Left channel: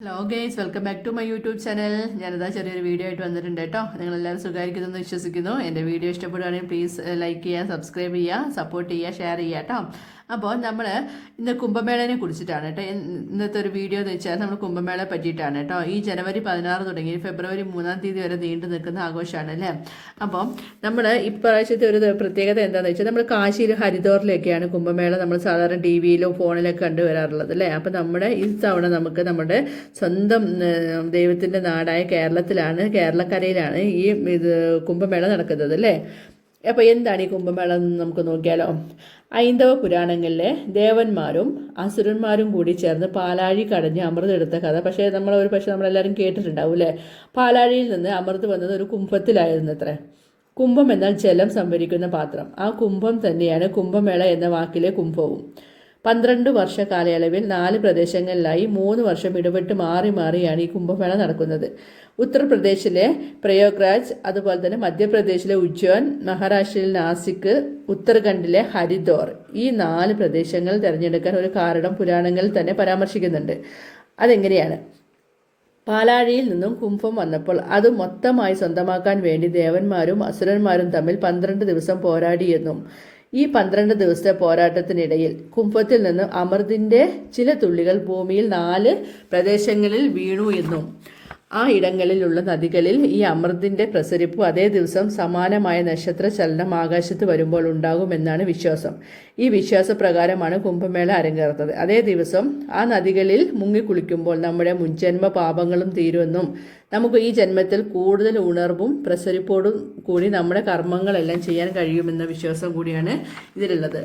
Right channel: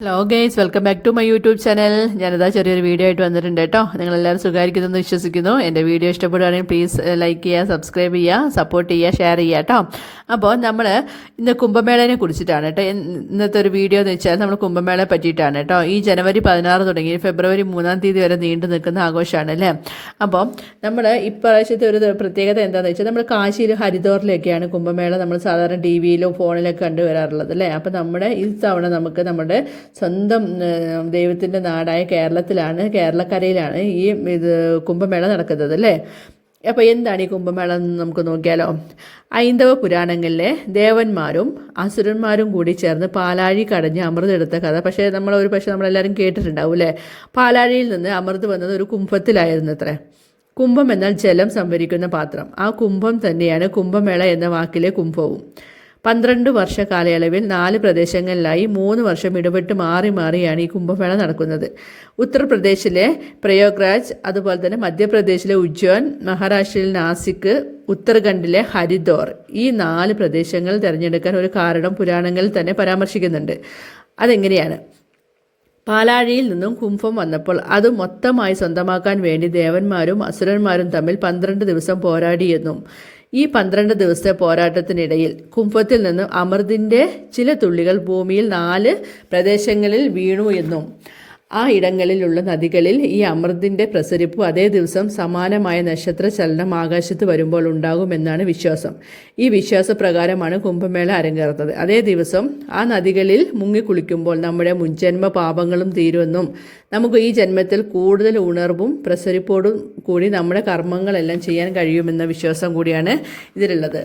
Hello guys, welcome back to my YouTube channel. ഞാനിതാ ചെറിയൊരു video ആയിട്ട് വന്നിട്ടുണ്ട് കേട്ടോ. നിങ്ങളെല്ലാവരും സുഖമായിരിക്കുമെന്ന് വിശ്വസിക്കുന്നു. എൻ്റെ വീഡിയോ ഇഷ്ടപ്പെടുകയാണെങ്കിൽ പ്ലീസ് ലൈക്ക് ചെയ്യുക, സബ്സ്ക്രൈബ് ചെയ്യുക, സപ്പോർട്ട് ചെയ്യുക, ഷെയർ ചെയ്യുക കേട്ടോ. അപ്പോൾ നമ്മൾ ഇന്ന് കുംഭമേളയെ കുറിച്ചിട്ടാണ് കേട്ടോ ഇന്നത്തെ ഒരു വീഡിയോ എന്ന് വെച്ചാൽ നമ്മൾ കുംഭമേളയെ പറ്റിയിട്ടാണ് കേട്ടോ. ഈ ജനുവരി 16 തുടങ്ങി ഫെബ്രുവരി 3-ാം തീയതി വരെ നീണ്ടു നിൽക്കുന്ന ആഘോഷമാണ് അല്ലേ. അപ്പോൾ നമ്മൾ ഇപ്രാവശ്യത്തെ ഒരു പ്രത്യേകത എന്താണെന്ന് വെച്ചാൽ നമ്മൾ കാശിയിൽ ഹരിദ്വാറിലൊക്കെയാണ് കുംഭമേള നമ്മൾ സാധാരണ ടി വിയിലും ഫോണിലൊക്കെ കണ്ടുവരാറുള്ളത് അല്ലേ. അപ്പോൾ നമ്മുടെ ഈ തവണ നമുക്ക് നമ്മുടെ സ്വന്തം ദൈവത്തിൻ്റെ നാടായ കേരളക്കരയിലാണ് ഈ കുംഭമേള നടക്കുന്നത് അല്ലേ. അപ്പോൾ എന്താണ് ഈ കുംഭമേള എന്ന് നമുക്ക് നോക്കിയാലോ. ഹൈന്ദവ പുരാണങ്ങളിലെ ദേവന്മാരും അസുരന്മാരും കൂടി ചേർന്ന് പാലാഴി കടഞ്ഞ് അമൃതെടുത്ത കഥ നമ്മളെല്ലാവരും കേട്ടിട്ടുണ്ടാവും അല്ലേ. പാലാഴിയിൽ നിന്ന് അമൃത് വന്നത് ഒരു കുംഭത്തിലായിരുന്നു അത്രേ. കുംഭം എന്നാൽ ജലം സംഭരിക്കുന്ന പാത്രം. ആ കുംഭം തന്നെയാണ് കുംഭമേള എന്ന വാക്കിലെ കുംഭവും. 12 വർഷ കാലയളവിൽ 4 പ്രദേശങ്ങളിലായി 3 വർഷം ഇടവിട്ട് മാറി മാറിയാണ് ഈ കുംഭമേള നടക്കുന്നത്. ഉത്തർപ്രദേശിലെ പ്രയാഗ്രാജ്, അതുപോലെ തന്നെ മധ്യപ്രദേശിലെ ഉജ്ജയിൻ, മഹാരാഷ്ട്രയിലെ നാസിക്, ഉത്തരാഖണ്ഡിലെ ഹരിദ്വാർ, ഈ 4 പ്രദേശങ്ങൾ തിരഞ്ഞെടുക്കാൻ ഒരു കാരണം പുരാണങ്ങളിൽ തന്നെ പരാമർശിക്കുന്നുണ്ട്. അതെങ്ങനെയാണ്? പാലാഴിയിൽ നിന്നും കുംഭം വന്നപ്പോൾ അത് മൊത്തമായി സ്വന്തമാക്കാൻ വേണ്ടി ദേവന്മാരും അസുരന്മാരും തമ്മിൽ 12 ദിവസം പോരാടിയെന്നും ഈ 12 ദിവസത്തെ പോരാട്ടത്തിനിടയിൽ കുംഭത്തിൽ നിന്നും അമൃതിൻ്റെ ചില തുള്ളികൾ ഭൂമിയിൽ 4 പ്രദേശങ്ങളിൽ വീണു എന്നും ആ ഇടങ്ങളിലുള്ള നദികളിൽ ഈ അമൃതിൻ്റെ പ്രസരിപ്പ് അതേ ദിവസം സമാനമായ നക്ഷത്ര ചലനം ആകാശത്ത് വരുമ്പോൾ ഉണ്ടാകുമെന്നാണ് വിശ്വാസം. ഈ വിശ്വാസപ്രകാരമാണ് കുംഭമേള അരങ്ങേറുന്നത്. അതേ ദിവസം ആ നദികളിൽ മുങ്ങിക്കുളിക്കുമ്പോൾ നമ്മുടെ മുൻജന്മ പാപങ്ങളും തീരുമെന്നും നമുക്ക് ഈ ജന്മത്തിൽ കൂടുതൽ ഉണർവും പ്രസരിപ്പോടും കൂടി നമ്മുടെ കർമ്മങ്ങളെല്ലാം ചെയ്യാൻ കഴിയുമെന്ന വിശ്വാസം കൂടിയാണ് ഇതിലുള്ളത്.